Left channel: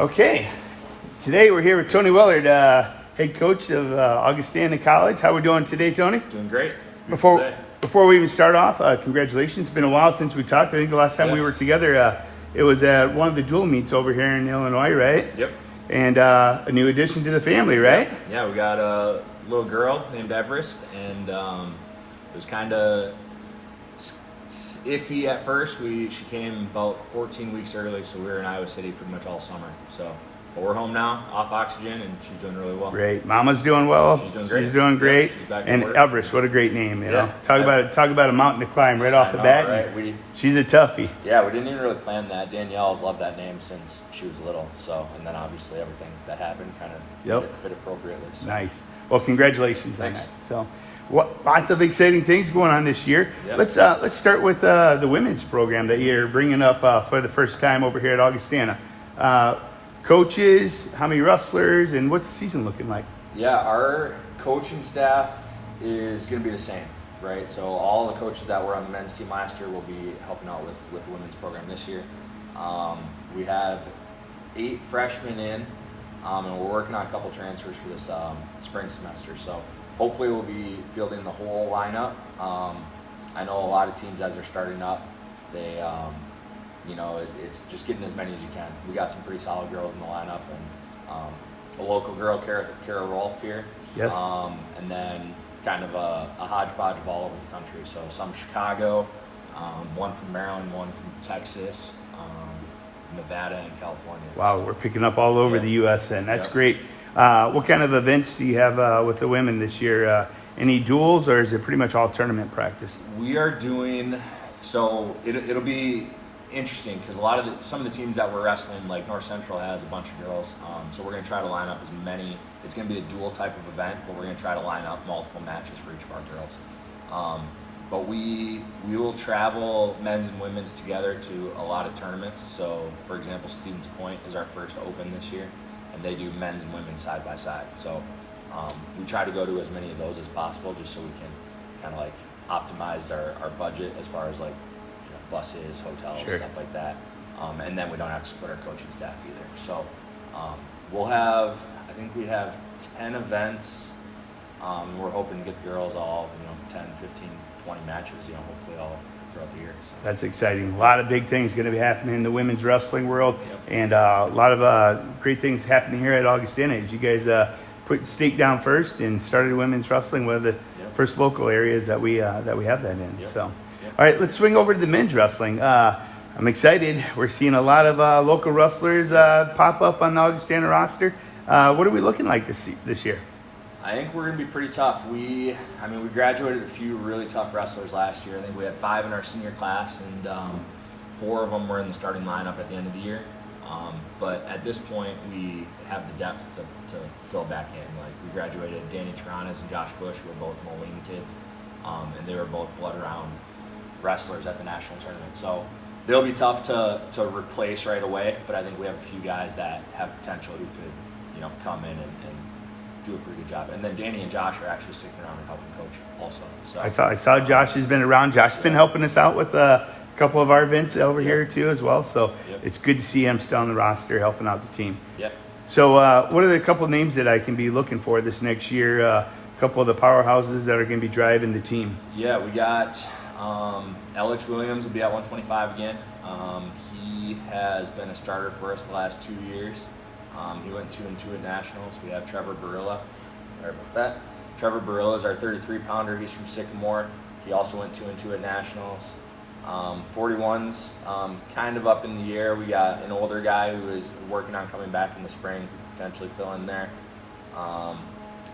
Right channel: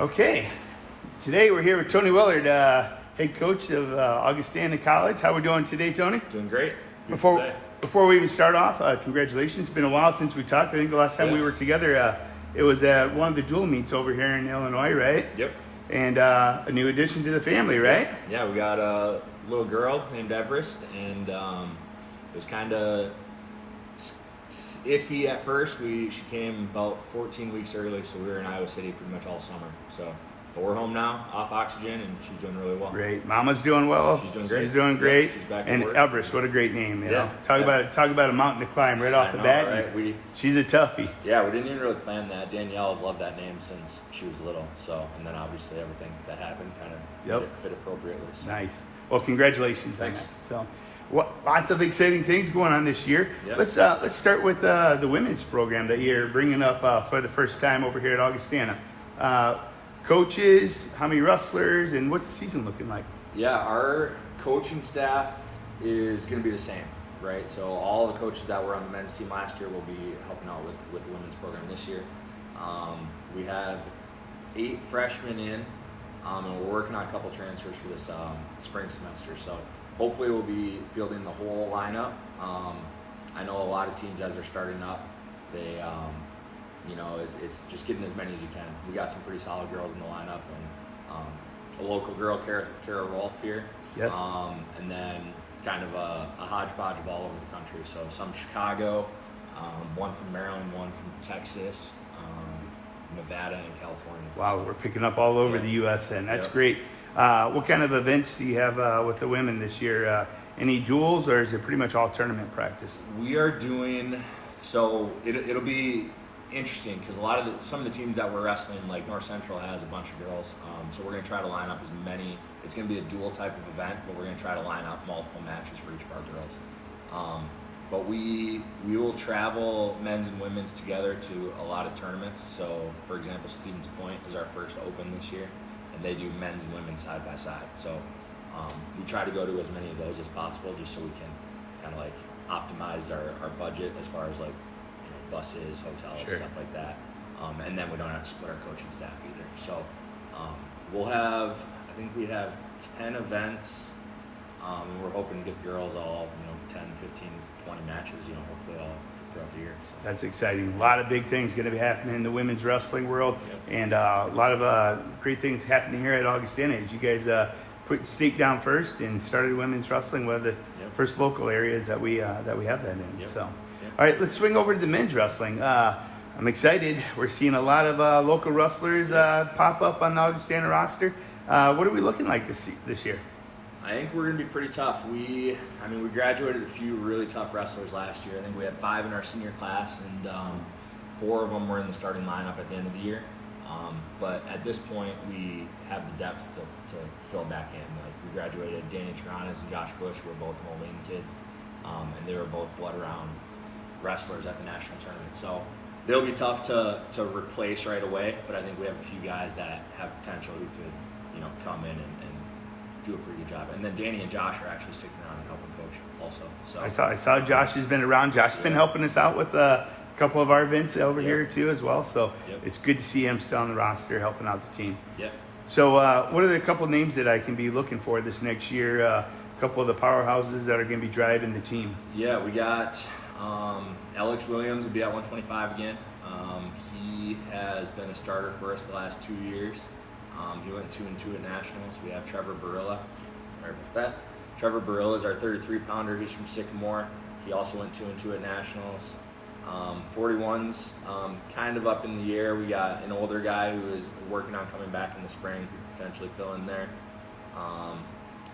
Okay, today we're here with Tony Willaert, head coach of Augustana College. How we doing today, Tony? Doing great. Before we even start off, congratulations. It's been a while since we talked. I think the last time we were together, it was at one of the dual meets over here in Illinois, right? Yep. And a new addition to the family, right? Yeah, we got a little girl named Everest, and it was kind of iffy at first. She came about 14 weeks early, so we were in Iowa City pretty much all summer. But we're home now, off oxygen, and she's doing really well. Great. Mama's doing well. She's doing great. She's doing great. Yep, she's back to and work. Everest, what a great name. You know? Talk about a mountain to climb right off the bat. Right? She's a toughie. Yeah, we didn't even really plan that. Danielle's loved that name since she was little. And then obviously everything that happened kind of fit appropriately. So. Nice. Well, congratulations. Thanks. On that. So, lots of exciting things going on this year. Yep. Let's start with the women's program that you're bringing up for the first time over here at Augustana. Coaches, how many wrestlers, and what's the season looking like? Yeah, our coaching staff is going to be the same, right? So all the coaches that were on the men's team last year will be helping out with the women's program this year. We have 8 freshmen in, and we're working on a couple transfers for this spring semester. So hopefully we'll be fielding the whole lineup. I know a lot of teams, as they're starting up, they it's just getting as many as you can. We got some pretty solid girls in the lineup, and a local girl, Kara Rolfe here. Yes. And then kind of a hodgepodge of all over the country. So some Chicago, one from Maryland, one from Texas, Nevada, and California. Wow, we're picking up all over the U.S. then. That's great. What kind of events do you have with the women this year? Any duels, or is it pretty much all tournament practice? We are doing, so it'll be interesting because some of the teams that we're wrestling, like North Central has a bunch of girls, so we're going to try to line up as many. It's going to be a dual type of event, but we're going to try to line up multiple matches for each of our girls. But we will travel men's and women's together to a lot of tournaments. So for example, Stevens Point is our first open this year, and they do men's and women's side by side. So we try to go to as many of those as possible, just so we can kind of like optimize our budget as far as like buses, hotels, stuff like that. And then we don't have to split our coaching staff either. So I think we have 10 events. We're hoping to get the girls all, 10, 15, 20 matches, hopefully all throughout the year. So. That's exciting. A lot of big things going to be happening in the women's wrestling world, and a lot of great things happening here at Augustana. As you guys put stake down first and started women's wrestling, one of the first local areas that we have that in. So. All right, let's swing over to the men's wrestling. I'm excited. We're seeing a lot of local wrestlers pop up on the Augustana roster. What are we looking like this year? I think we're going to be pretty tough. We graduated a few really tough wrestlers last year. I think we had 5 in our senior class, and 4 of them were in the starting lineup at the end of the year. But at this point, we have the depth to fill back in. Like, we graduated Danny Taranas and Josh Bush, who were both Moline kids, and they were both blood-around wrestlers at the national tournament. So they'll be tough to replace right away, but I think we have a few guys that have potential who could, come in and do a pretty good job. And then Danny and Josh are actually sticking around and helping coach also. So I saw Josh has been around. Josh's been helping us out with a couple of our events over here too as well. So it's good to see him still on the roster helping out the team. Yep. So what are the couple of names that I can be looking for this next year? A couple of the powerhouses that are going to be driving the team. Yeah, we got Alex Williams will be at 125 again. He has been a starter for us the last 2 years. He went 2-2 at nationals. We have Trevor Barilla. Sorry about that. Trevor Barilla is our 33-pounder. He's from Sycamore. He also went 2-2 at nationals. 41's kind of up in the air. We got an older guy who is working on coming back in the spring, who could potentially fill in there.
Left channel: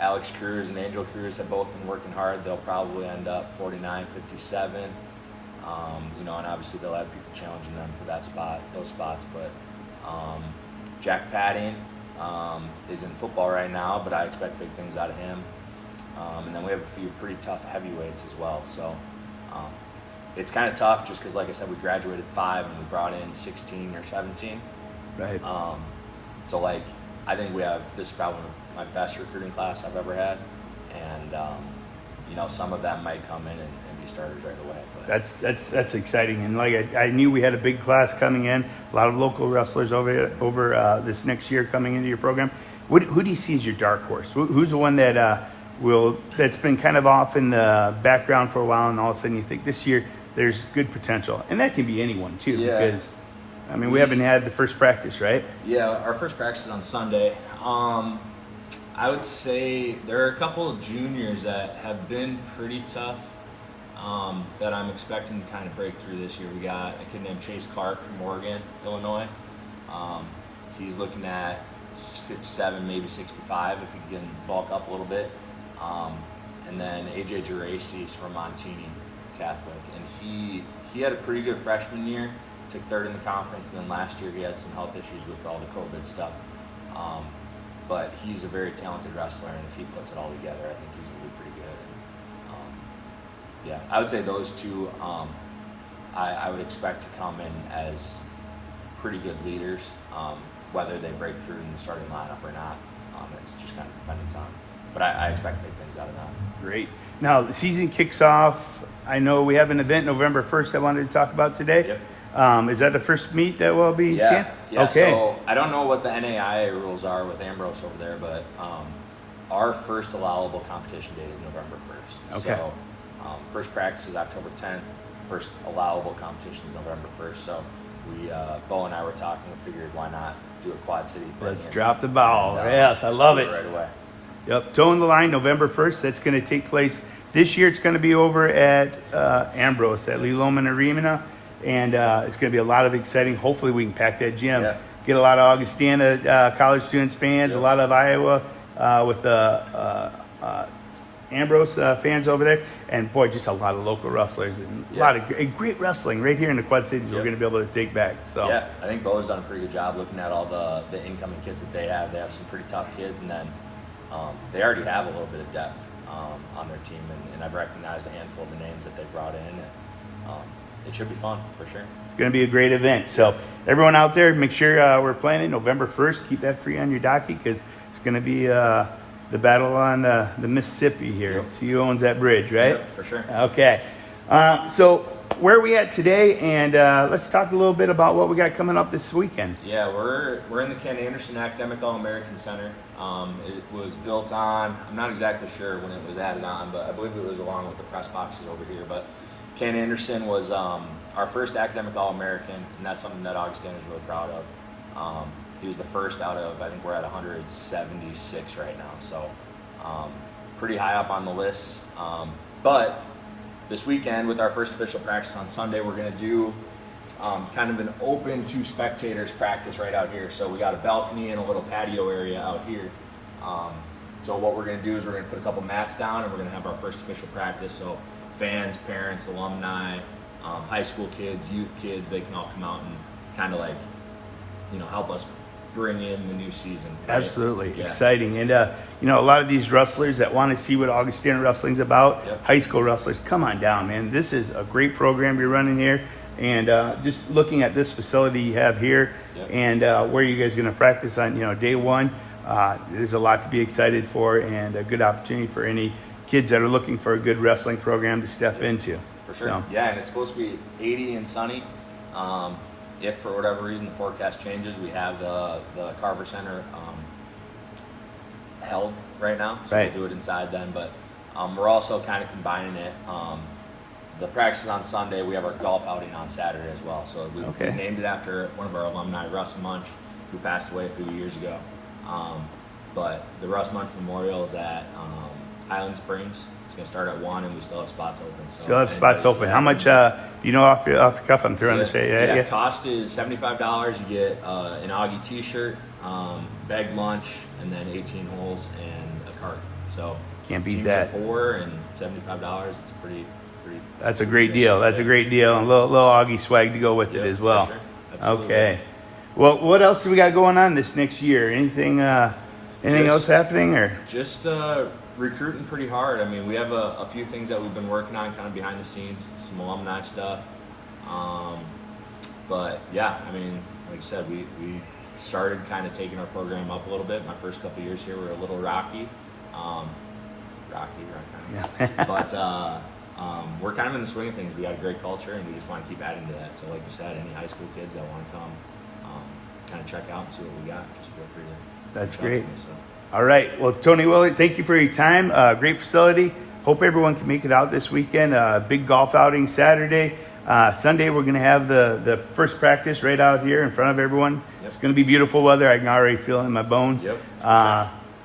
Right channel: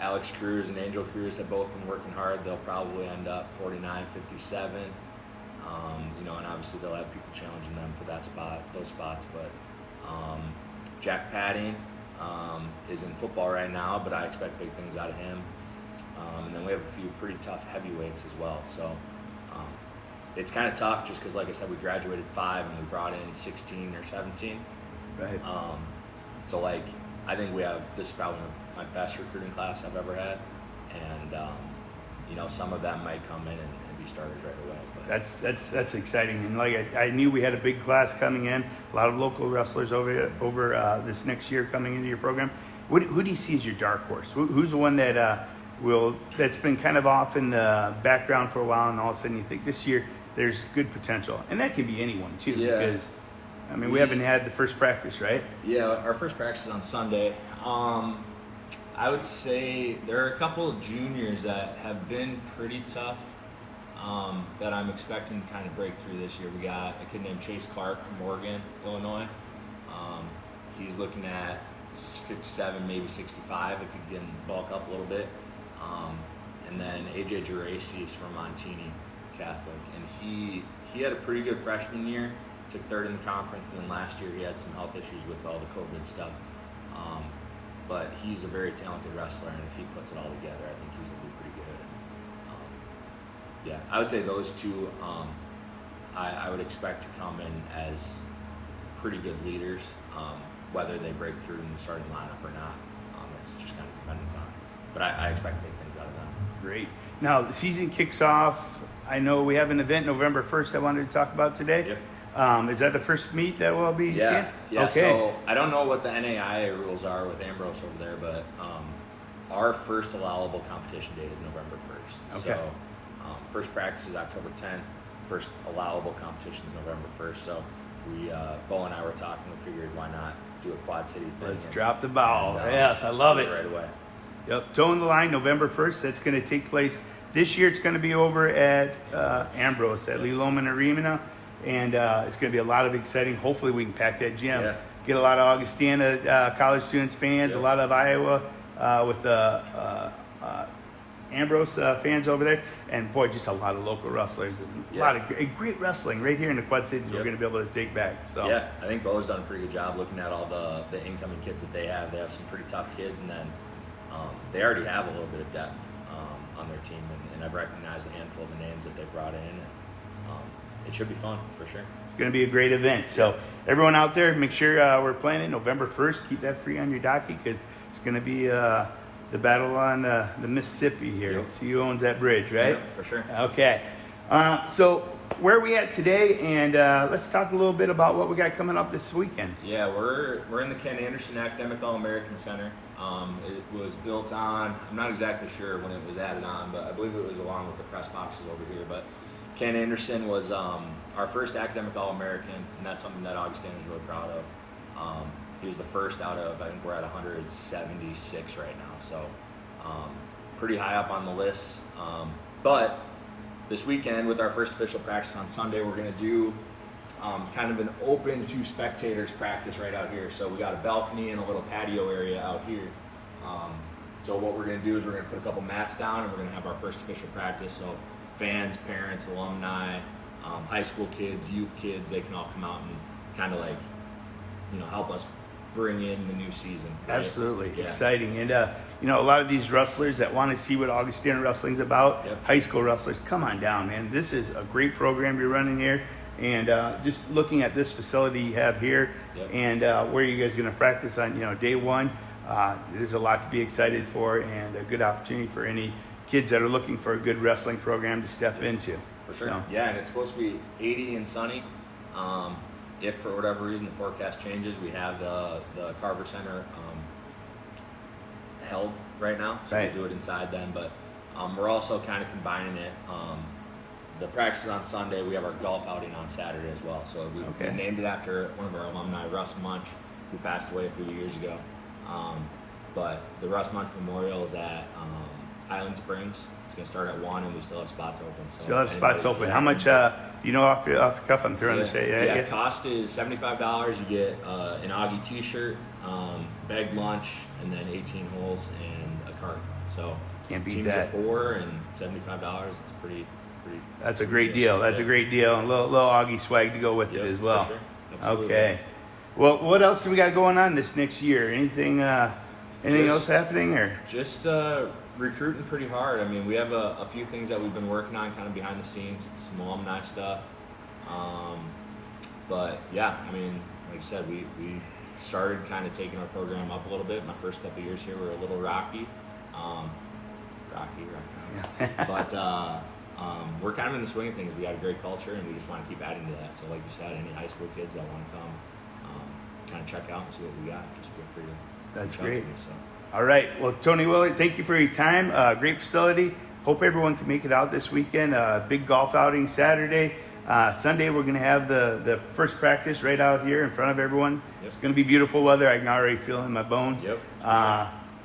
Alex Cruz and Angel Cruz have both been working hard. They'll probably end up 49, 57. And obviously they'll have people challenging them for those spots. But Jack Padding is in football right now, but I expect big things out of him. And then we have a few pretty tough heavyweights as well. So it's kind of tough just because, like I said, we graduated 5 and we brought in 16 or 17. Right. So I think this is probably my best recruiting class I've ever had, and some of them might come in and be be starters right away. But That's exciting, and like I knew we had a big class coming in, a lot of local wrestlers over this next year coming into your program. Who do you see as your dark horse? Who's the one that that's been kind of off in the background for a while, and all of a sudden you think this year there's good potential, and that can be anyone too. Yeah. Because I mean we haven't had the first practice, right? Yeah, our first practice is on Sunday. I would say there are a couple of juniors that have been pretty tough that I'm expecting to kind of break through this year. We got a kid named Chase Clark from Oregon, Illinois. He's looking at 57, maybe 65 if he can bulk up a little bit. And then AJ Geraci is from Montini Catholic, and he had a pretty good freshman year, took third in the conference, and then last year he had some health issues with all the COVID stuff. But he's a very talented wrestler, and if he puts it all together, I think he's going to be pretty good. And, yeah, I would say those two I would expect to come in as pretty good leaders, whether they break through in the starting lineup or not. It's just kind of dependent on. But I expect big things out of them. Great. Now, the season kicks off. I know we have an event November 1st I wanted to talk about today. Yep. Is that the first meet that we'll be Yeah. seeing? Yeah. Okay. So I don't know what the NAIA rules are with Ambrose over there, but our first allowable competition date is November 1st. Okay. So first practice is October 10th. First allowable competition is November 1st. So we, Bo and I were talking. We figured why not do a Quad City thing. Let's drop the ball. Yes, I love it. Right away. Yep, Towing the Line, November 1st. That's going to take place this year. It's going to be over at Ambrose at Lee Loman Arena, and it's going to be a lot of exciting. Hopefully, we can pack that gym. Yeah. Get a lot of Augustana college students fans, Yep. a lot of Iowa with the Ambrose fans over there, and boy, just a lot of local wrestlers and a lot of great wrestling right here in the Quad Cities. Yep. We're going to be able to take back. So Yeah, I think Bo's done a pretty good job looking at all the incoming kids that they have. They have some pretty tough kids, and then they already have a little bit of depth on their team, and I've recognized a handful of the names that they brought in, and it should be fun for sure. it's going to be a great event. So everyone out there, make sure we're planning November 1st. Keep that free on your docket because it's going to be the battle on the Mississippi here. Yep. See who owns that bridge, right? Yep, for sure. Okay. So where are we at today? And let's talk a little bit about what we got coming up this weekend. Yeah, we're in the Ken Anderson Academic All-American Center. It was built on, I'm not exactly sure when it was added on, but I believe it was along with the press boxes over here. But Ken Anderson was our first academic All-American, and that's something that Augustana is really proud of. He was the first out of, I think we're at 176 right now, so pretty high up on the list. But this weekend, with our first official practice on Sunday, we're going to do kind of an open to spectators practice right out here. So we got a balcony and a little patio area out here. So what we're going to do is we're going to put a couple mats down, and we're going to have our first official practice. So fans, parents, alumni, high school kids, youth kids, they can all come out and kind of like, help us bring in the new season. Right? Absolutely. Yeah. Exciting. And, a lot of these wrestlers that want to see what Augustana Wrestling's about, high school wrestlers, come on down, man. This is a great program you're running here. And just looking at this facility you have here and where you guys are going to practice on, day one, there's a lot to be excited for and a good opportunity for any kids that are looking for a good wrestling program to step into. For sure. So. Yeah, and it's supposed to be 80 and sunny. If for whatever reason the forecast changes, we have the Carver Center held right now, so we'll do it inside then. But we're also kind of combining it. The practice is on Sunday. We have our golf outing on Saturday as well. So we named it after one of our alumni, Russ Munch, who passed away a few years ago. But the Russ Munch Memorial is at Highland Springs. It's going to start at 1, and we still have spots open. So still have spots open. How much, off your cuff, I'm throwing this? Yeah, cost is $75. You get an Augie t-shirt, bagged lunch, and then 18 holes and a cart. So can't beat teams that. Of 4 and $75. It's pretty. That's a great deal. That's a great deal. And a little Augie swag to go with it as well. For sure. Absolutely. Okay. Well, what else do we got going on this next year? Anything else happening or? Just recruiting pretty hard. I mean, we have a few things that we've been working on kind of behind the scenes, some alumni stuff. But yeah, I mean, like I said, we started kind of taking our program up a little bit. My first couple of years here were a little rocky. But we're kind of in the swing of things. We got a great culture, and we just want to keep adding to that. So like you said, any high school kids that want to come kind of check out and see what we got, just feel free to That's reach out to great. me, so. All right. Well, Tony Willaert, thank you for your time. Great facility. Hope everyone can make it out this weekend. Big golf outing Saturday. Sunday, we're going to have the first practice right out here in front of everyone. Yep. It's going to be beautiful weather. I can already feel it in my bones. Yep.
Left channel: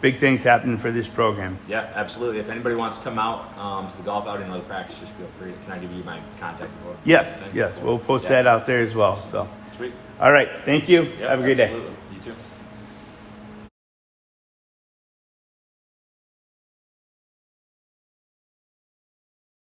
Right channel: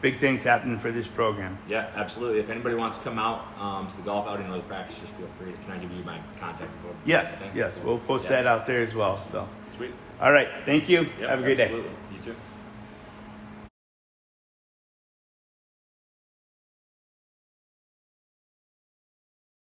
Big things happening for this program. Yeah, absolutely. If anybody wants to come out to the golf outing or the practice, just feel free. Can I give you my contact info? Yes. We'll post that out there as well. So, Sweet. all right. Thank you. Yep, Have a great absolutely. day. You too.